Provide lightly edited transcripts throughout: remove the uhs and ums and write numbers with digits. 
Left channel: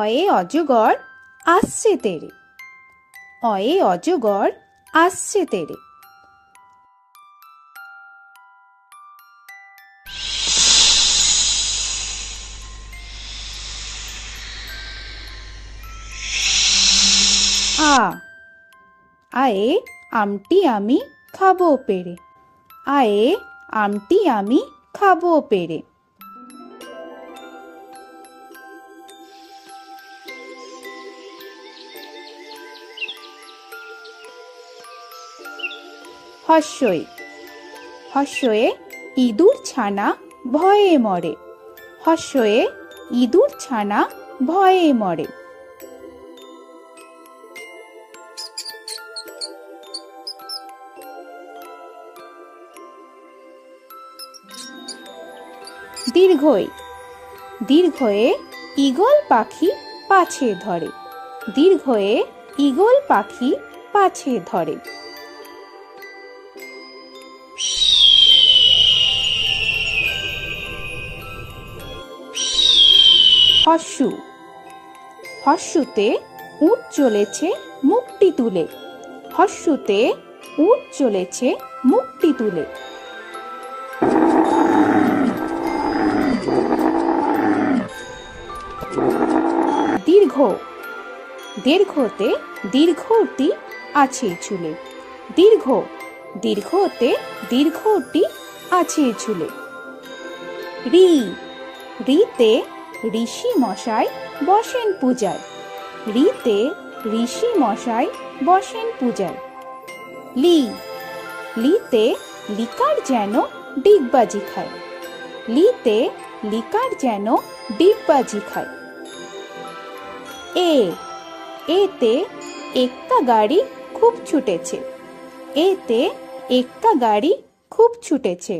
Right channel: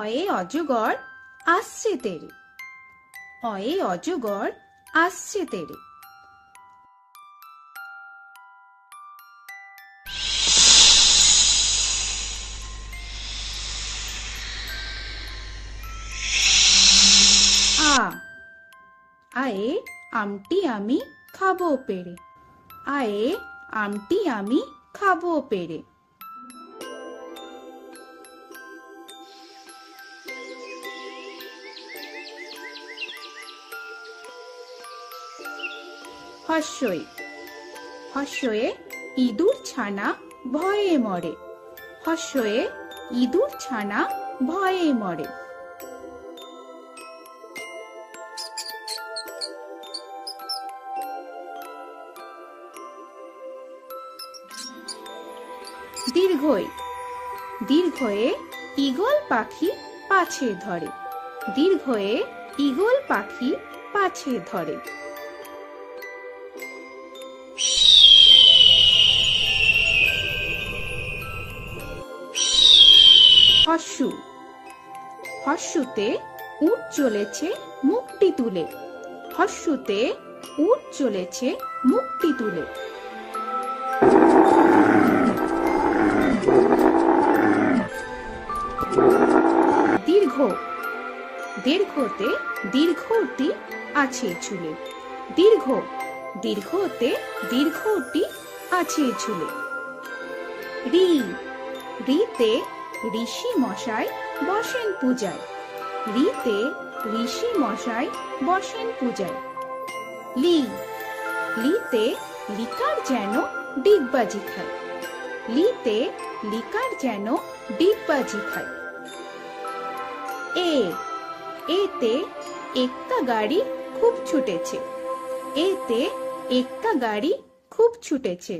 অয়ে অজগর আসছে তেরে, অয়ে অজগর আসছে তেরে। আ, আয়ে আমটি আমি খাবো পেড়ে, আয়ে আমটি আমি খাবো পেড়ে। হর্ষই, হর্ষয়ে ইঁদুর ছানা ভয়ে মরে, হর্ষয়ে ইঁদুর ছানা ভয়ে মরে। দীর্ঘই, দীর্ঘয়ে ঈগল পাখি পাছে ধরে, দীর্ঘয়ে ঈগল পাখি পাছে ধরে। হর্ষু, হর্ষুতে উট চলেছে মুখটি তুলে, হর্ষুতে উট চলেছে মুখটি তুলে। দীর্ঘ, দীর্ঘতে দীর্ঘটি আছে চুলে, দীর্ঘ, দীর্ঘতে দীর্ঘটি আছে চুলে। রি, রিতে ঋষি মশাই বসেন পূজায়, রিতে ঋষি মশাই বসেন পূজায়। লি, লিতে লিকার যেন ডিগবাজি খায়, লিতে লিকার যেন ডিগবাজি খায়। এ, এতে এক্কা গাড়ি খুব ছুটেছে, এতে এক্কা গাড়ি খুব ছুটেছে।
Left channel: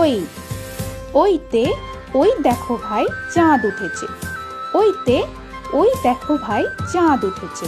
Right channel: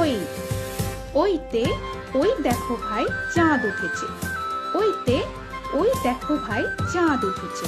ওই, ওইতে ওই দেখো ভাই চাঁদ উঠেছে, ওইতে ওই দেখো ভাই চাঁদ উঠেছে।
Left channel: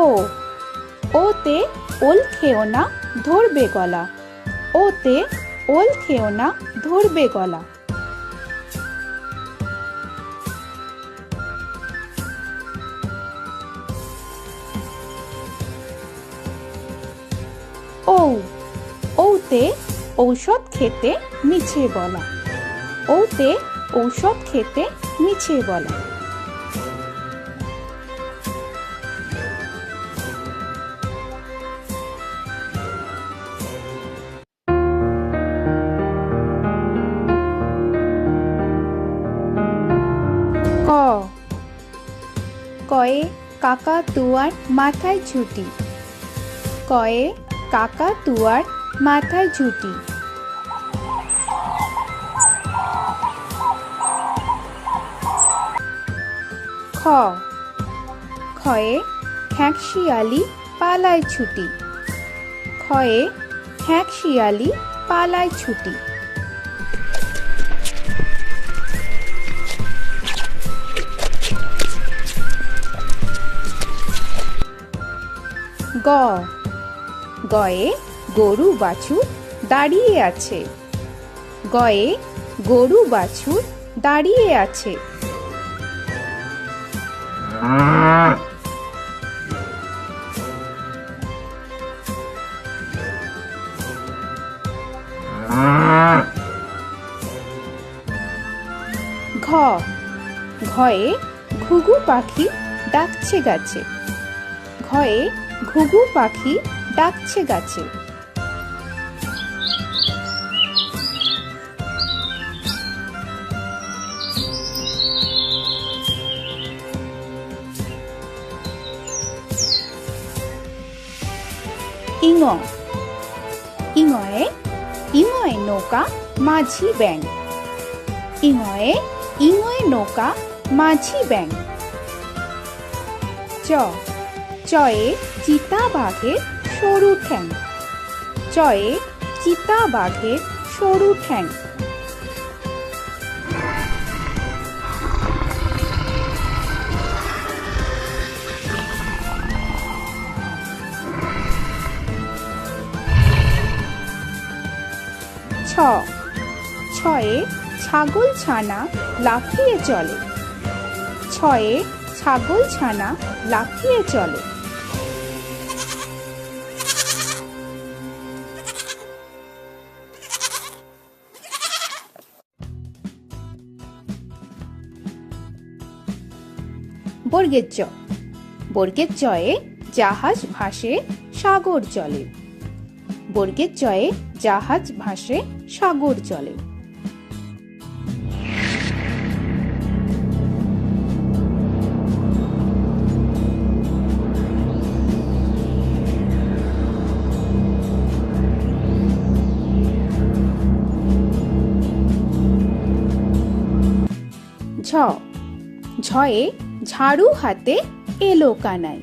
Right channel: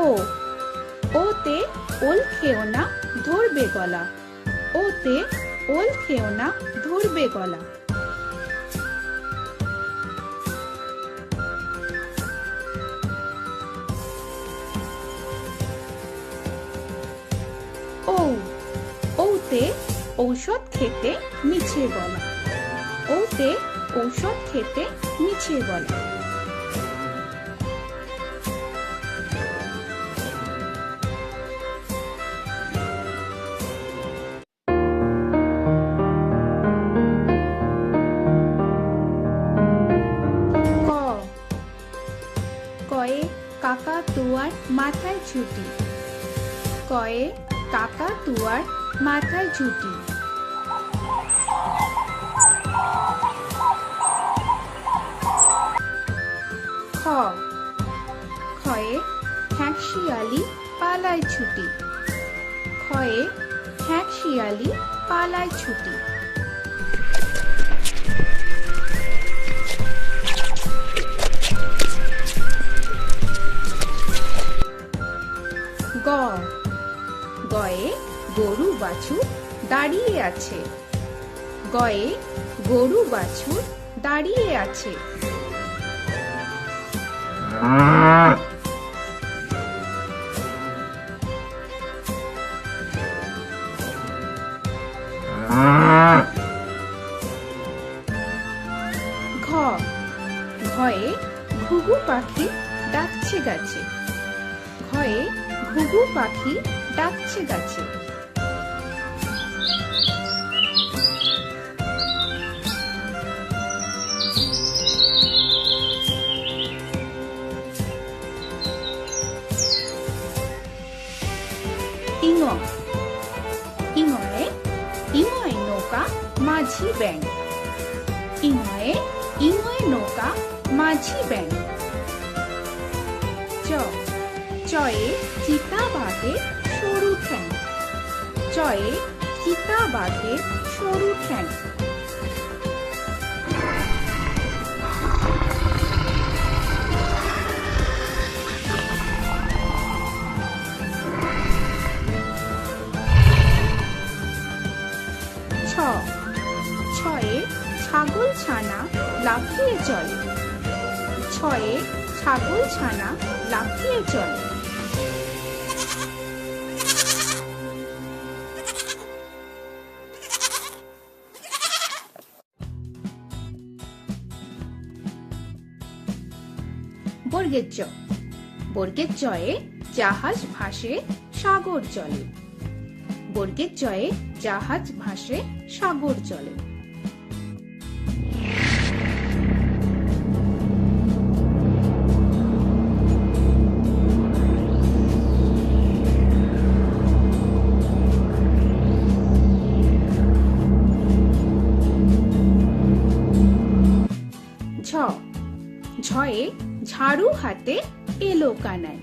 ও, ওতে ওল খেও না ধরবে গলা, ওতে ওল খেও না ধরবে গলা। ও, ওতে ঔষধ খেতে মিছে বলা, ওতে ঔষধ খেতে মিছে বলা। ক, কয়ে কাকা তুয়ার মাথায় ছুটি, কয়ে কাকা তুয়ার মাথায় ছুটি। খ, খয়ে খ্যাঁকশিয়ালি পালায় ছুটি, খয়ে খ্যাঁকশিয়ালি পালায় ছুটি। গ, গয়ে গরু বাছুর দাঁড়িয়ে আছে, গয়ে গরু বাছুর দাঁড়িয়ে আছে। ঘ, ঘয়ে ঘুঘু পাখি ডাকছে গাছে, ঘয়ে ঘুঘু পাখি ডাকছে গাছে। ইঙ, ইঙয়ে ইঙয়ে নৌকা মাঝি ব্যাঙ, ইঙয়ে ইঙয়ে নৌকা মাঝি ব্যাঙ। চ, চয়ে চিতা বাঘের সরু ঠ্যাং, চয়ে চিতা বাঘের সরু ঠ্যাং। ছয়ে ছাগল ছানা লাফিয়ে চলে। ছয়ে ছাগল ছানা লাফিয়ে চলে। বর্গের জ। বর্গের জয়ে জাহাজ ভাসে সাগর চলে। বর্গের জয়ে জাহাজ ভাসে সাগর চলে। ঝ। ঝয়ে ঝাড়ু হাতে এলো কানাই।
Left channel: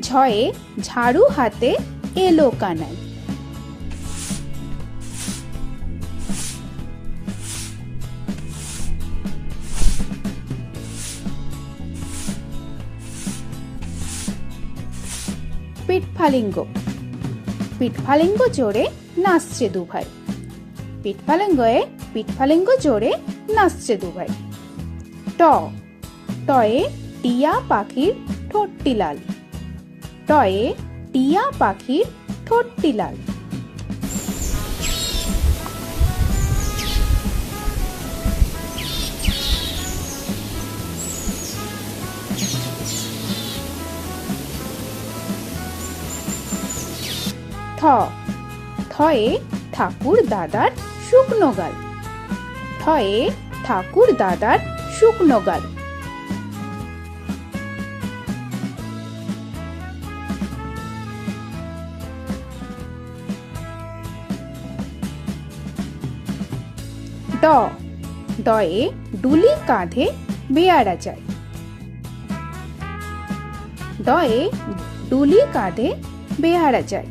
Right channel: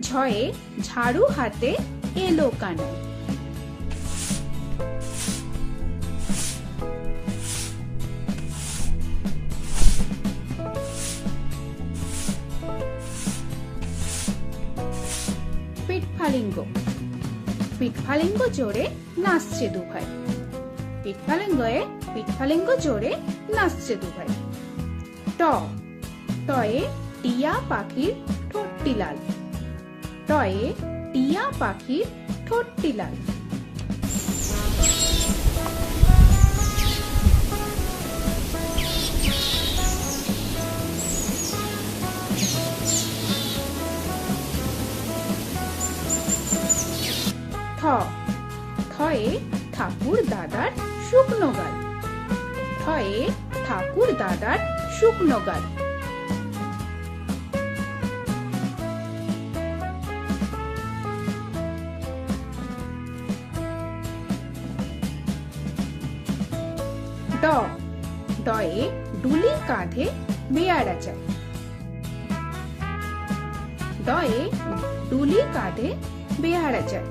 ঝয়ে ঝাড়ু হাতে এলো কানাই। পিঠফালিঙ্গ। পিঠফালিঙ্গ জোরে নাচছে দুভাই। পিঠফালিঙ্গয়ে পিঠফালিঙ্গ জোরে নাচছে দুভাই। ট। টয়ে টিয়া পাখির ঠোঁটটি লাল। টয়ে টিয়া পাখির ঠোঁটটি লাল। থ। থয়ে ঠাকুর দাদার শুকনো গাল। থয়ে ঠাকুর দাদার শুকনো গাল। ড। ডয়ে ডুলি কাঁধে বেয়ারা যায়। ডয়ে ডুলি কাঁধে বেয়ারা যায়।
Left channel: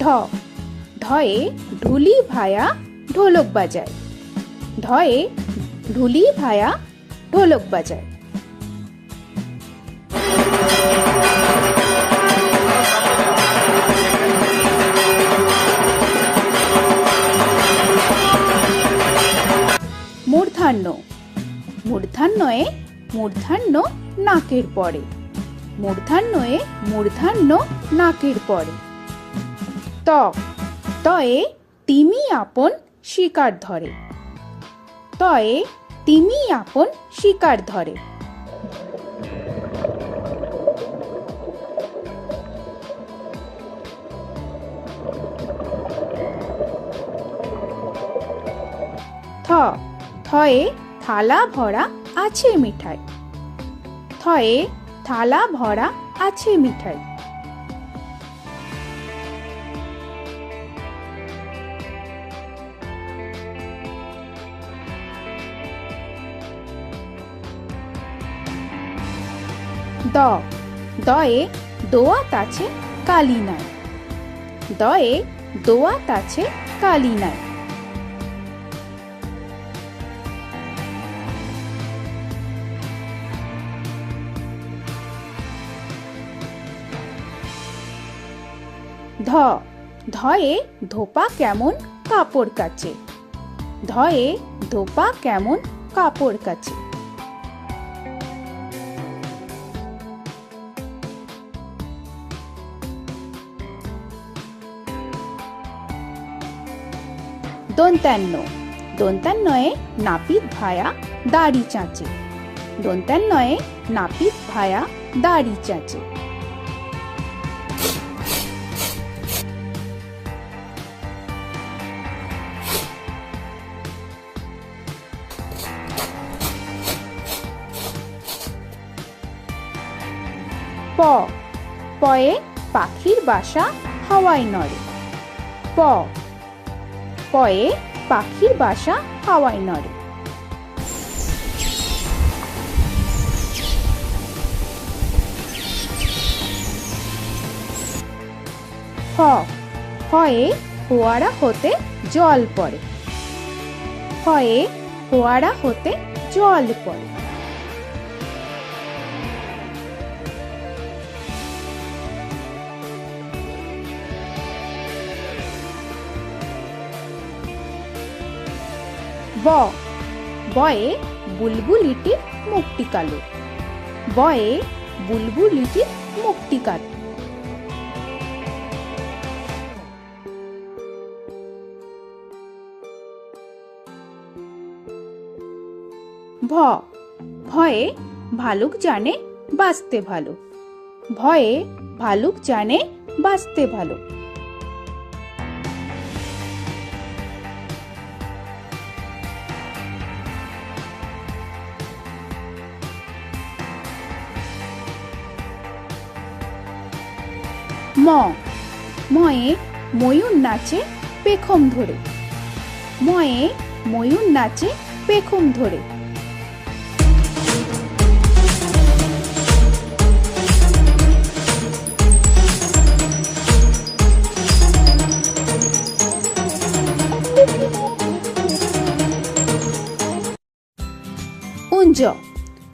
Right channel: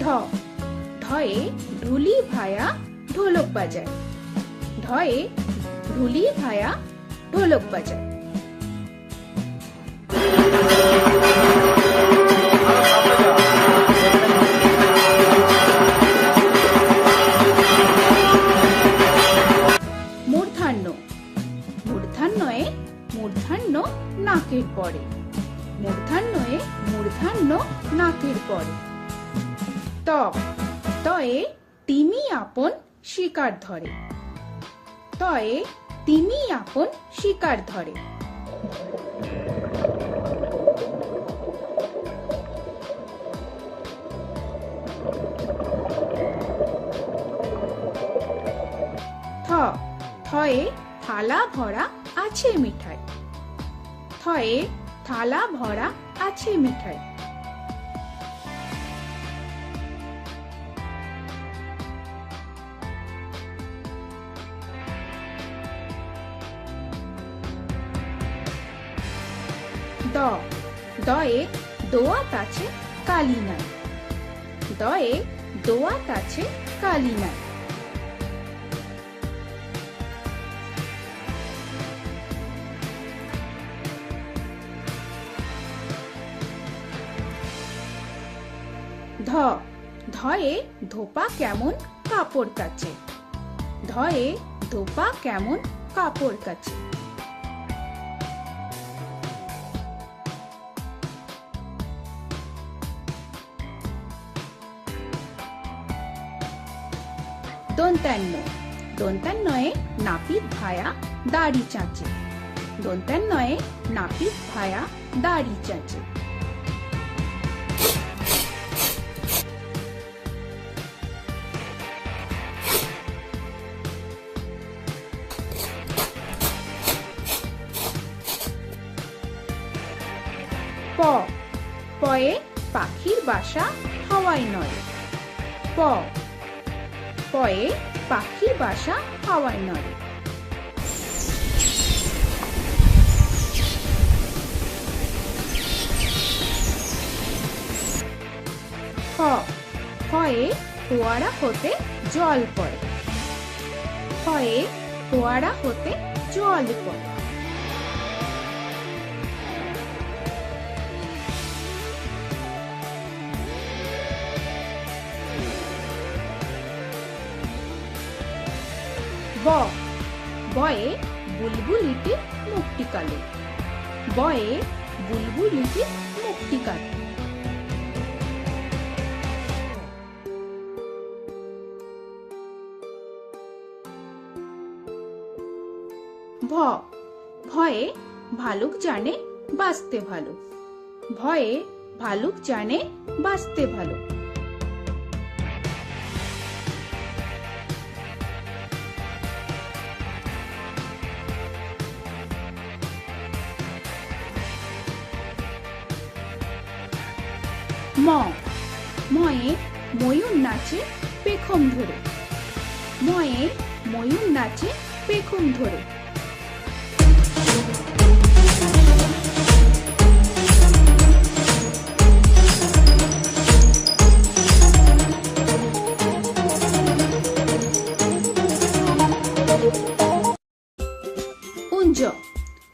ঢ। ঢয়ে ঢুলি ভায়া ঢোলক বাজায়। ঢয়ে ঢুলি ভায়া ঢোলক বাজায়। মূর্ধন্য। মূর্ধন্যয়ে মূর্ধন্য নাকের পরে। মূর্ধন্যয়ে মূর্ধন্য নাকের পরে। ত। তয়ে তিমি আপন শিকার ধরে। তয়ে তিমি আপন শিকার ধরে। থ। থয়ে থালা ভরা আছে মিঠাই। থয়ে থালা ভরা আছে মিঠাই। দ। দয়ে দোয়াত আছে কালি নাই। দয়ে দোয়াত আছে কালি নাই। ধ। ধয়ে ধোপা কেমন কাপড় কাচে। ধয়ে ধোপা কেমন কাপড় কাচে। দন্তান্ন। দন্তান্নয়ে নাপিত ভায়া দাড়ি চাঁচে। দন্তান্নয়ে নাপিত ভায়া দাড়ি চাঁচে। প। পয়ে পাখির বাসা হাওয়ায় নড়ে। প। পয়ে পাখির বাসা হাওয়ায় নড়ে। ফ। ফয়ে ফোয়ারা হতে জল পড়ে। ফয়ে ফোয়ারা হতে জল পড়ে। ব বয়ে বুলবুলিটির মুখটি কালো। বয়ে বুলবুলিটির মুখটি কালো। ভ ভয়ে ভালুক জানে বাঁচতে ভালো। ভয়ে ভালুক জানে বাঁচতে ভালো। ম ময়ে ময়ূর নাচে পেখম ধরে। ময়ে ময়ূর নাচে পেখম ধরে। উঞ্জ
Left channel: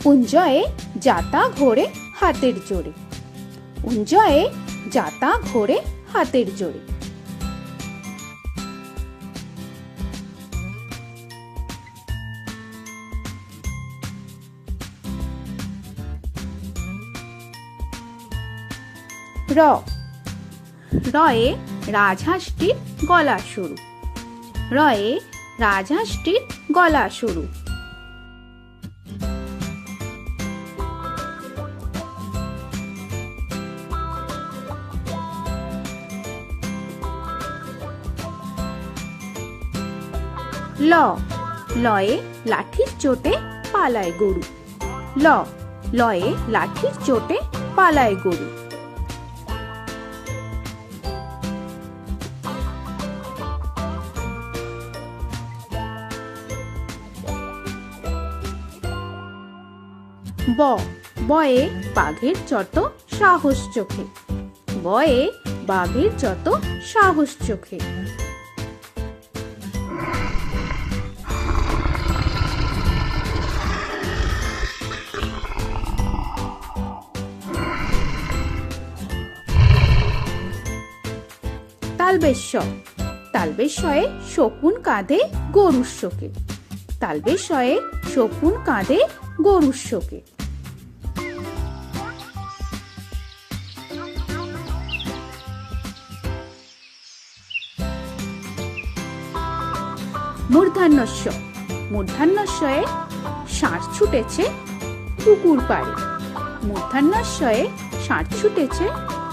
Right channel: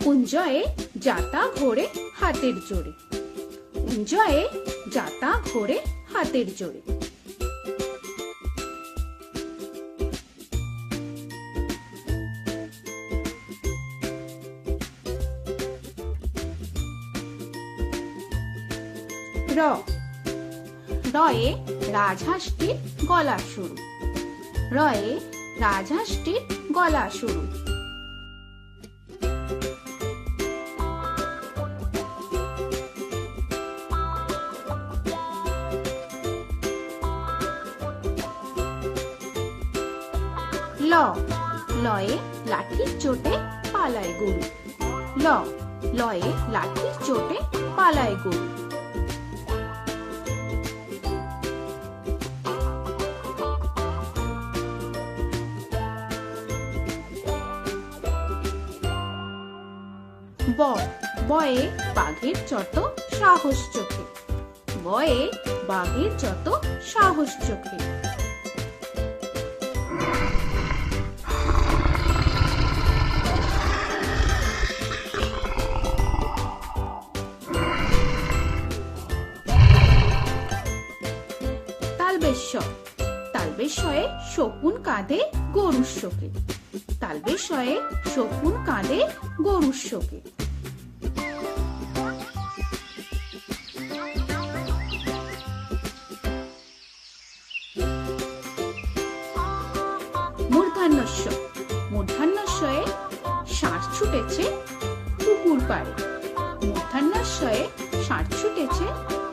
উঞ্জয়ে যাতা ঘোরে হাতের জোরে। উঞ্জয়ে যাতা ঘোরে হাতের জোরে। র রয়ে রাজহাঁসটির গলা সরু। রয়ে রাজহাঁসটির গলা সরু। ল লয়ে লাঠির চোটে পালায় গরু। ল লয়ে লাঠির চোটে পালায় গরু। ব বয়ে বাঘের যত সাহস চোখে। বয়ে বাঘের যত সাহস চোখে। তালবেশ্বর তালবেশ্বরে শকুন কাঁধে গরুর শোকে। তালবেশ্বরে শকুন কাঁধে গরুর শোকে। মূর্ধন্যস্ব মূর্ধন্যস্বয়ে ষাঁড় ছুটেছে পুকুর পাড়ে। মূর্ধন্যস্বয়ে ষাঁড় ছুটেছে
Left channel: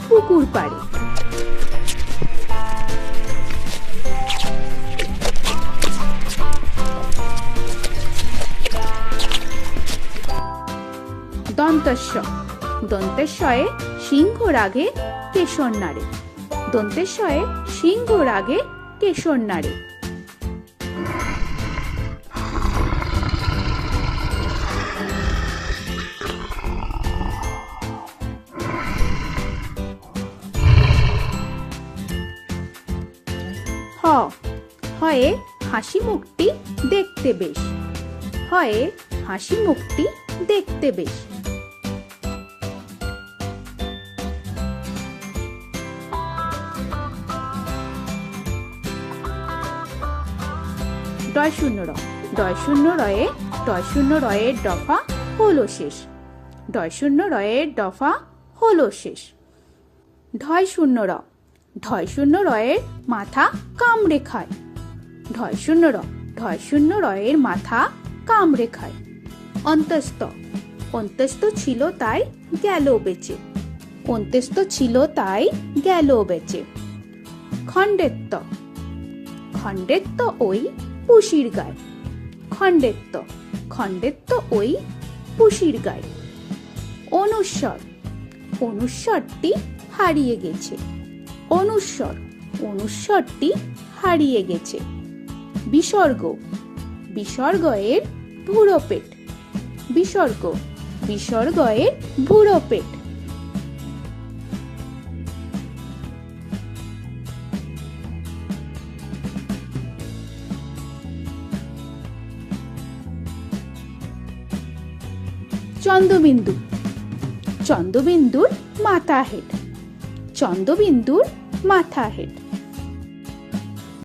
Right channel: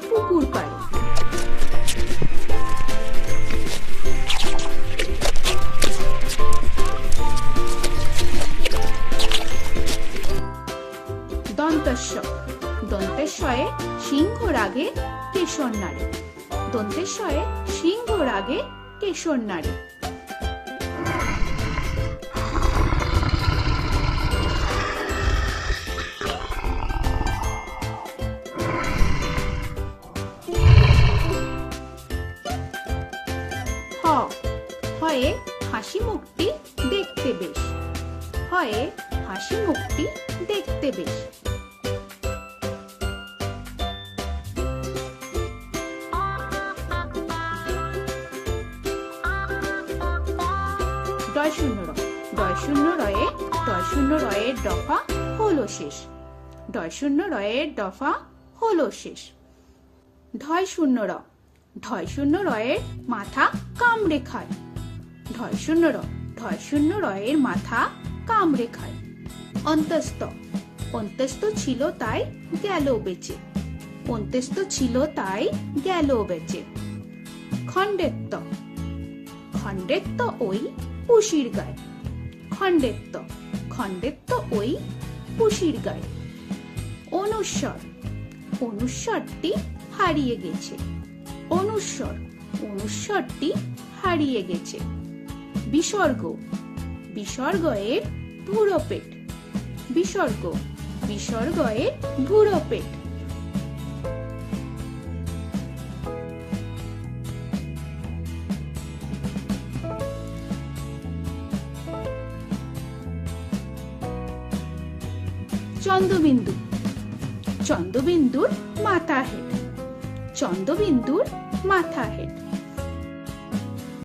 পুকুর পাড়ে। দন্তস্ব দন্তেশ্বয়ে সিংহ রাগে কেশর নাড়ে। দন্তেশ্বয়ে সিংহ রাগে কেশর নাড়ে। হ হয়ে হাসি মুখটি দেখতে বেশ। হয়ে হাসি মুখটি দেখতে বেশ। ডয় শূন্য র ডয় শূন্য রয়ের দফা হলো শেষ। ডয় শূন্য রয়ের দফা হলো শেষ। ঢয় শূন্য রয়ের মাথা কামড়ে খায়। ঢয় শূন্য রয়ের মাথা কামড়ে খায়। অন্তস্থ অন্তস্থ ছিল তাই গেল বেঁচে। অন্তস্থ ছিল তাই গেল বেঁচে। খণ্ডেত্ব খণ্ডেত্ব ওই পুষির গায়। খণ্ডেত্ব ওই পুষির গায়। অনুস্বর অনুস্বরটি হারিয়ে গেছে। অনুস্বরটি হারিয়ে গেছে। বিসর্গ বিসর্গয়ের ভুরো পেট। বিসর্গয়ের ভুরো পেট। চন্দ্রবিন্দু চন্দ্রবিন্দুর মাথা হেড। চন্দ্রবিন্দুর মাথা হেড।